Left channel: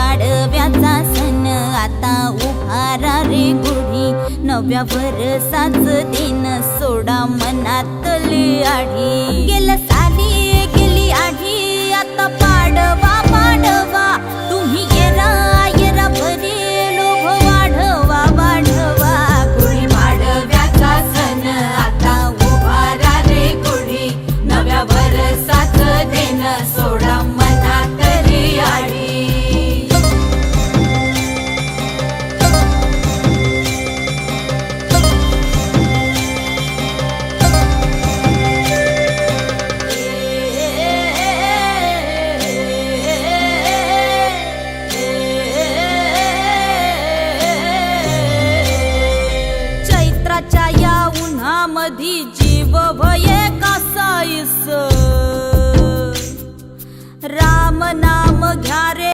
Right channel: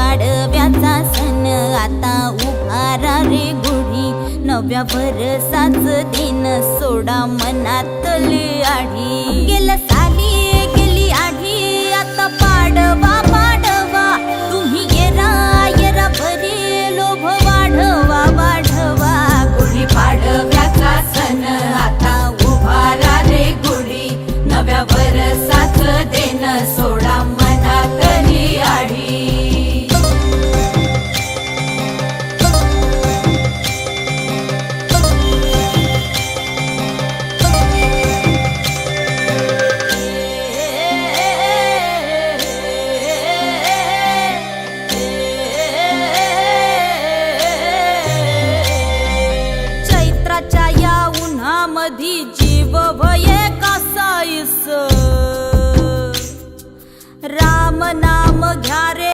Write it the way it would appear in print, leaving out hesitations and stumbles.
पाडव्याचा सण आता उभारा रे गुढी, नव्या वर्षाच दिन सोडा मनातली आढी। गेल्या साली गेली आढी, आता पाडवा पाडवा, तुम्ही येरा येरा बरी लोभ वाढवा वाढवा। गुढी पाडव्याचा सण आता उभारा रे गुढी, नव्या वर्षाच दिन सोडा मनातली आढी। चैत्राच्या या उन्हामधी जीव भये कासाईस, राम नाम घ्या रे